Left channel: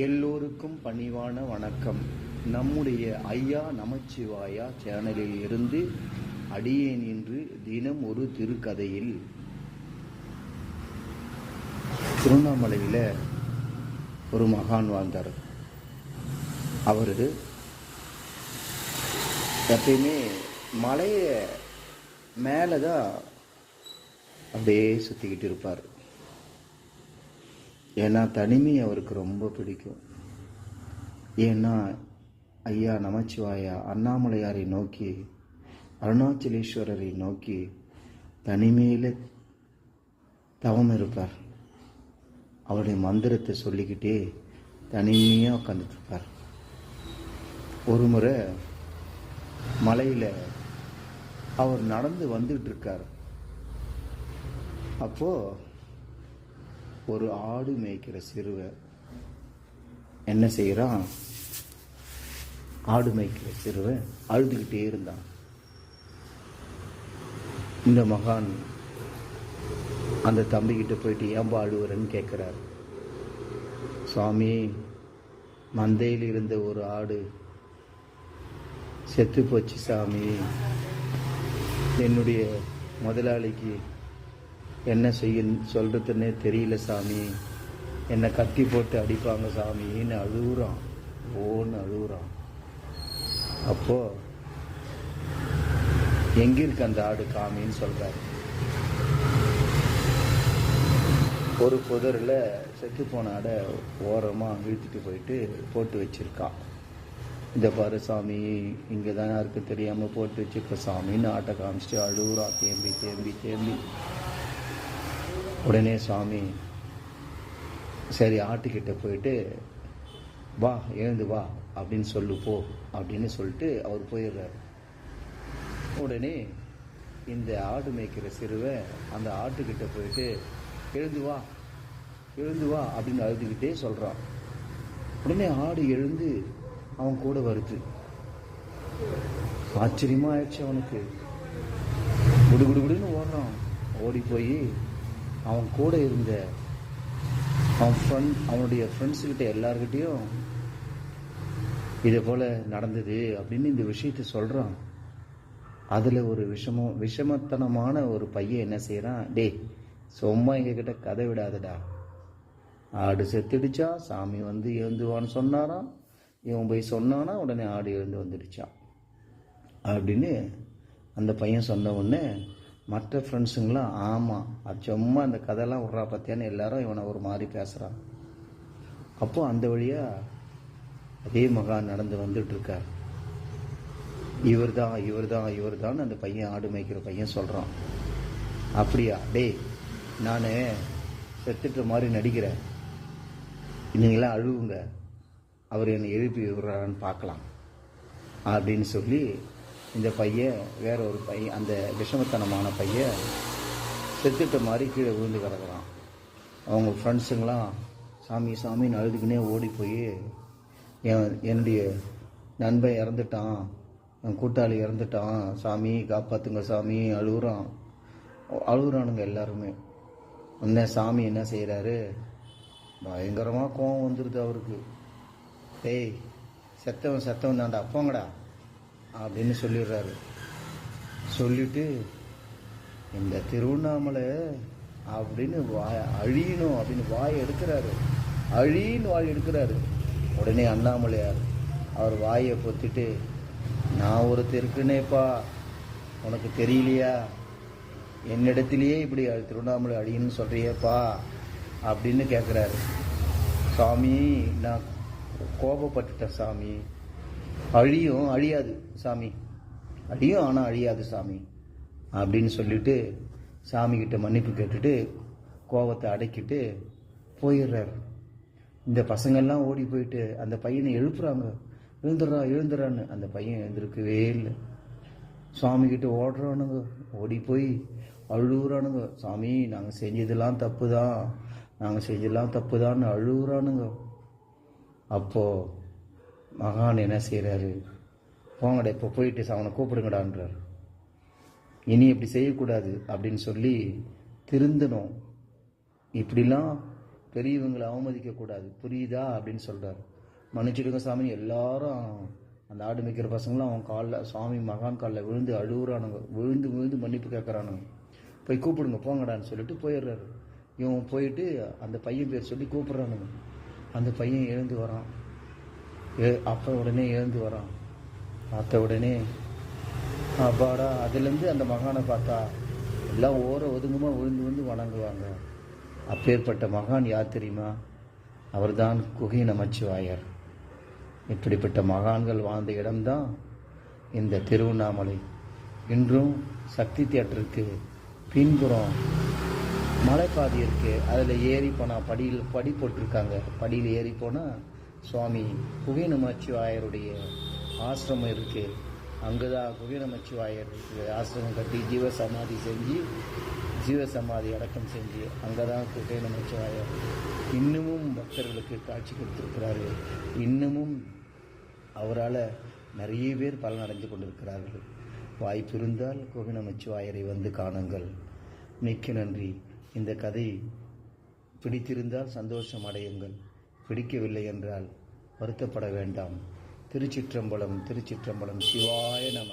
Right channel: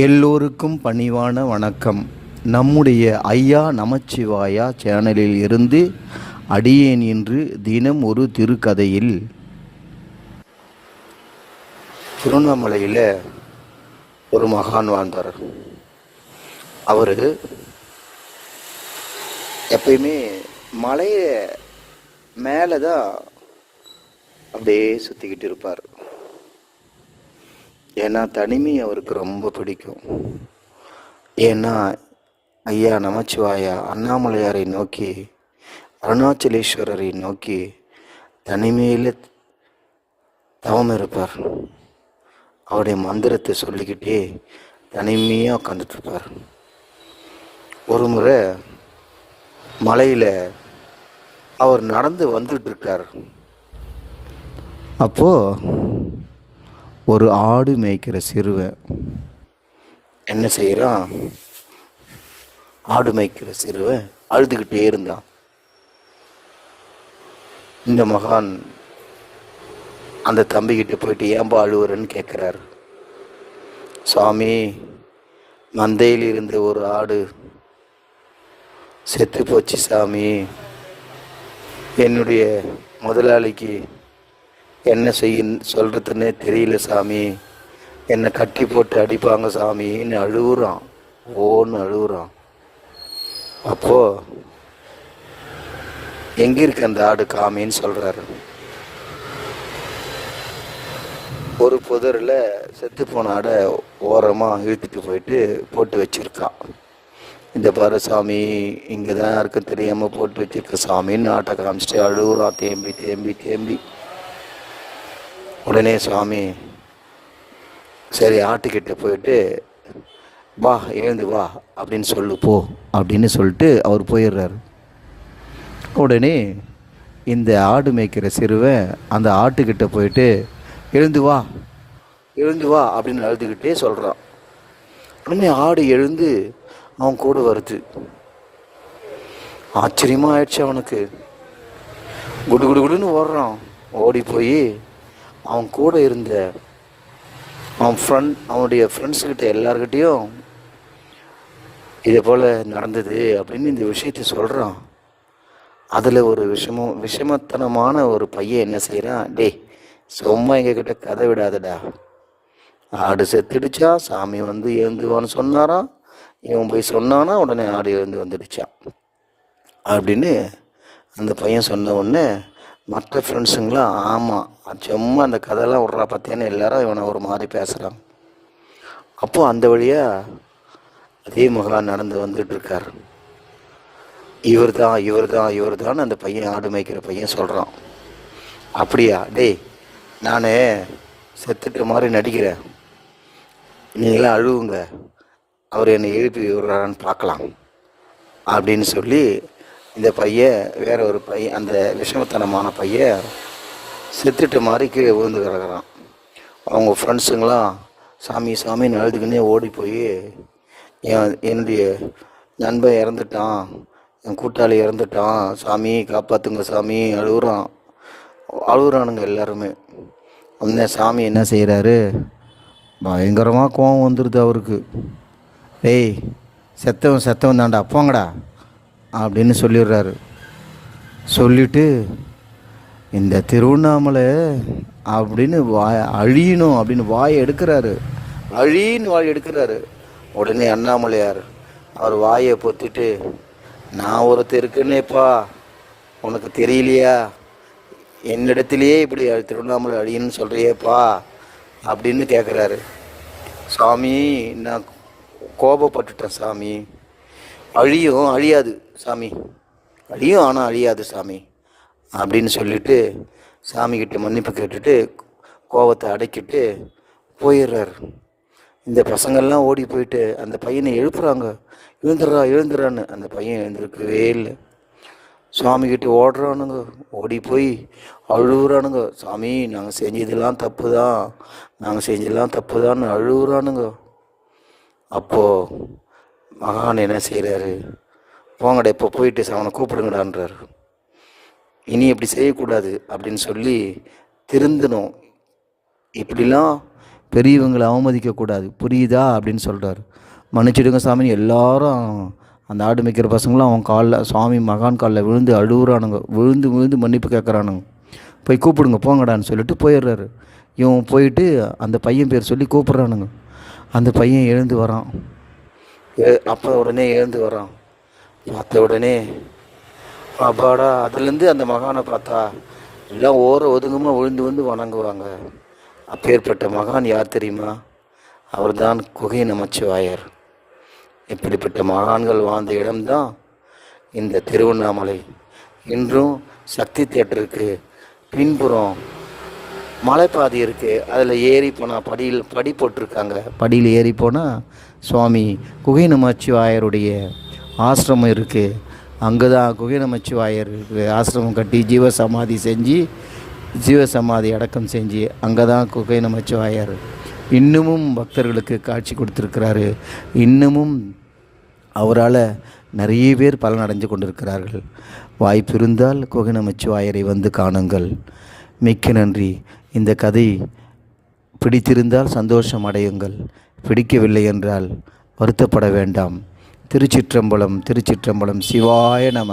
எல்லோருக்கும் பணிவான வணக்கம். நம்முடைய ஐயா நமச்சிவாயா சேனலில் இருந்து அடியேன் இன்று தினம் ஒரு திருக்கதையில் திருவண்ணாமலையில் ஒரு மகான் வாழ்ந்தார். அவர் எப்பயுமே மலையை மேலே தான் அப்படியே சுற்றிக்கிட்டு இருப்பார். ஏன்னா தனிமை அவருக்கு ரொம்ப பிடிக்கும். ஏன்னா ஐயா நமச்சிவாயா அண்ணாமலையாரை நோக்கி, அருணாச்சலேஸ்வரரை நோக்கி தனிமையில் தவம் இருப்பார். அவருடைய மந்திரத்தை சொல்லிக்கிட்டே தனிமையாக உட்காந்துட்ருப்பார். ஒரு முறை மலையில் அவர் நடந்து வந்துட்டுருக்கார். அப்போது ஒரு ஆடு மேய்க்கிற சிறுவன் என்ன செய்கிறான்? ஆடு மேய்க்கிற சிறுவன் அழுதுகிட்டே இருந்தான். இந்த மகான் அந்த தம்பிக்கிட்ட போயிட்டு ஏன்பா அழுவுறன்னு கேட்குறாரு. சுவாமி, மந்தையில் இருந்த ஒரு ஆடு செத்து போச்சு சாமி. என்னுடைய முதலாளிக்கு என்ன சொல்கிறதுன்னே தெரியல சாமி. என்னை கட்டி போட்டு அடிப்பாங்க சாமின்னு அழுகுறான். ஓன்னு அழுகுறான். அப்போது எங்கே இருக்கு அந்த ஆடு காமின்னு சொல்கிறாரு. ஒரு புதரில் செத்து போன ஆடை ஓரமாக இழுத்துட்டு போயிட்டு போட்டு வச்சுருக்கான். இந்த பாரு சாமி, இங்கே தான் யாருக்கும் தெரியாமல் போட்டு வச்சுருக்க சாமின்னு ஆட்டை காமிச்சிட்டு அழுகுறான். தேம்பி தேம்பி தேம்பி உடனே சுவாமி, சரி ஆட்டுக்கிட்ட போயிட்டு வா, எழுந்து வா அப்படின்னு சொல்லு போ அப்படின்னு சொல்லிட்டு அவர் போயிடுறாரு. உடனே இந்த ஆடு மேய்க்கிற சிறுவன் அந்த ஆட்டுக்கிட்ட போயிட்டு எழுந்து வா எழுந்து வா அப்படின்னு அழுதுகிட்டே சொல்கிறான். உடனே ஆடு எழுந்து அவன் கூட வருது. ஆச்சரியமாக ஆயிடுச்சு அவனுக்கு. குடு குடு குடுன்னு ஓடுறான். ஓடி போய் அவன் கூட இருந்த அவனுடைய ஃப்ரெண்ட்ஸுக்கிட்ட எல்லார்கிட்டையும் இதே போல் நடந்தது அப்படின்னு இந்த விஷயத்தை சொல்கிறான். அதில் ஒரு விஷமத்தனமான ஒரு பையன் என்ன செய்கிறான்? டேய், சும்மா எங்ககிட்ட கதை விடாதடா. ஆடு செத்துடுச்சா, சாமி வந்து எழுந்துவான்னு சொன்னாராம். இவன் போய் சொன்னானா, உடனே ஆடு எழுந்து வந்துடுச்சான் அப்படின்னு அந்த பையன் சொன்ன உடனே மற்ற ஃப்ரெண்ட்ஸுங்களாம் ஆமாம், சும்மா அந்த கதையெல்லாம் விட்றா பார்த்தேன்னு எல்லாரும் இவனை ஒரு மாதிரி பேசுகிறான். அப்போது அந்த வழியாக அதே மகான் நடந்து வந்துட்டுருக்கார். இவர் தான் அந்த பையன், ஆடு மேய்க்கிற பையன் சொல்கிறான். அப்படியா? டேய், நான் செத்துட்ட மாதிரி நடிக்கிறேன், நீங்களாம் அழுவுங்க, அவர் என்னை எழுப்பி விடுறான்னு பார்க்கலாம் அப்படின்னு சொல்லி இந்த பையன், வேற ஒரு பையன், அந்த விஷமத்தனமான பையன் செத்துட்டு மாதிரி கீழே விழுந்து கிடக்குறான். அவங்க ஃப்ரெண்ட்ஸுங்களாம் சாமி சாமின்னு அழுதுக்குன்னே ஓடி போய் என்னுடைய நண்பன் இறந்துட்டான், என் கூட்டாளி இறந்துட்டான், சாமி காப்பாற்றுங்க சாமி அழுகுறானுங்க எல்லாருமே. அந்த சாமி என்ன செய்கிறாரு? பயங்கரமாக கோவம் வந்துடுது அவருக்கு. டேய், செத்தவன் தாண்டா, போங்கடா அப்படின்னு சொல்லிடுறாரு. சொல்லிவிட்டு இந்த திருவண்ணாமலை அப்படின்னு அழியணும் அப்படின்னு வாயை எடுக்கிறாரு. அழின்னு வாய் எடுக்கிறாரு. உடனே அண்ணாமலையார் அவர் வாயை பொத்திட்டு, நான் ஒருத்தர் இருக்குன்னேப்பா, உனக்கு தெரியலையா? என்னிடத்துலையே இப்படி திருவண்ணாமலை அழியன்னு சொல்கிறியேப்பா அப்படின்னு கேட்குறாரு. சாமி, நான் கோபப்பட்டுட்டேன் சாமி. அழியாது சாமி, அழியும் ஆனால் அழியாது சாமி அப்படின்னு சொல்லிட்டு சாமிக்கிட்ட மன்னிப்பு கேட்டுட்டு கோபத்தை அடக்கிட்டு போயிடுறாரு. இந்த பசங்கள்லாம் ஓடி போயிட்டு அந்த பையனை எழுப்புறாங்க. எழுந்துறான்னு. அந்த பையன் எழுந்திருக்கவே இல்லை. சுவாமிக்கிட்ட ஓடுறானுங்க. ஓடி போய் அழுகுறானுங்க. சாமி, நாங்கள் செஞ்சதெல்லாம் தப்பு தான் அழுகுறானுங்க. அப்போது மகான் என்ன செய்கிறாரு? போங்கடா, இப்போ போயிட்டு அவனை கூப்பிடுங்கடான்றார். இனி இப்படி செய்யக்கூடாது அப்படின்னு சொல்லி திருந்தணும். இப்படிலாம் பெரியவங்களை அவமதிக்கக்கூடாது, புரியுதா அப்படின்னு சொல்கிறார். மன்னிச்சிடுங்க சாமி. எல்லாரும் அந்த ஆடு மேய்க்கிற பசங்களும் அவன் காலில், சுவாமி மகான் காலில் விழுந்து அழுகுறானுங்க, விழுந்து விழுந்து மன்னிப்பு கேட்குறானுங்க. போய் கூப்பிடுங்க போங்கடான்னு சொல்லிட்டு போயிடுறாரு. இவன் போயிட்டு அந்த பையன் பேர் சொல்லி கூப்பிட்றானுங்க. அந்த பையன் எழுந்து வரான். அப்போ உடனே எழுந்து வரான். பார்த்த உடனே அப்பாடா. அதுலேருந்து அந்த மகானை பார்த்தா எல்லாம் ஒதுங்கமாக விழுந்து வந்து வணங்குவாங்க. அப்பேற்பட்ட மகான் யார் தெரியுமா? அவர்தான் குகை நமச்சிவாயர். இப்படிப்பட்ட மகான்கள் வாழ்ந்த இடம்தான் இந்த திருவண்ணாமலை. இன்றும் சக்தி தியேட்டருக்கு பின்புறம் மலைப்பாதை இருக்குது. அதில் ஏறி போனால் படி போட்டிருக்காங்க. படியில் ஏறி போனால் சுவாமி குகை நமச்சிவாயருடைய ஆசிரமம் இருக்குது. அங்கே தான் குகை நமச்சிவாயர் ஆசிரமம் கட்டி ஜீவசமாதி அடக்கம் செஞ்சு அங்கே தான் குகை நமச்சிவாயர் இன்னமும் பக்தர்களுக்கு காட்சி கொடுத்துருக்கிறாரு. இன்னமும் அவரால் நிறைய பேர் பலனடைஞ்சு கொண்டிருக்கிறார்கள். வாய்ப்பு இருந்தால் குகை நமச்சிவாயரை வந்து காணுங்கள். மிக்க நன்றி. இந்த கதை பிடித்திருந்தால் சந்தோஷம் அடையுங்கள், பிடிக்கவில்லை என்றால் வருத்தப்பட வேண்டாம். திருச்சிற்றம்பலம், திருச்சிற்றம்பலம். சிவாய நம.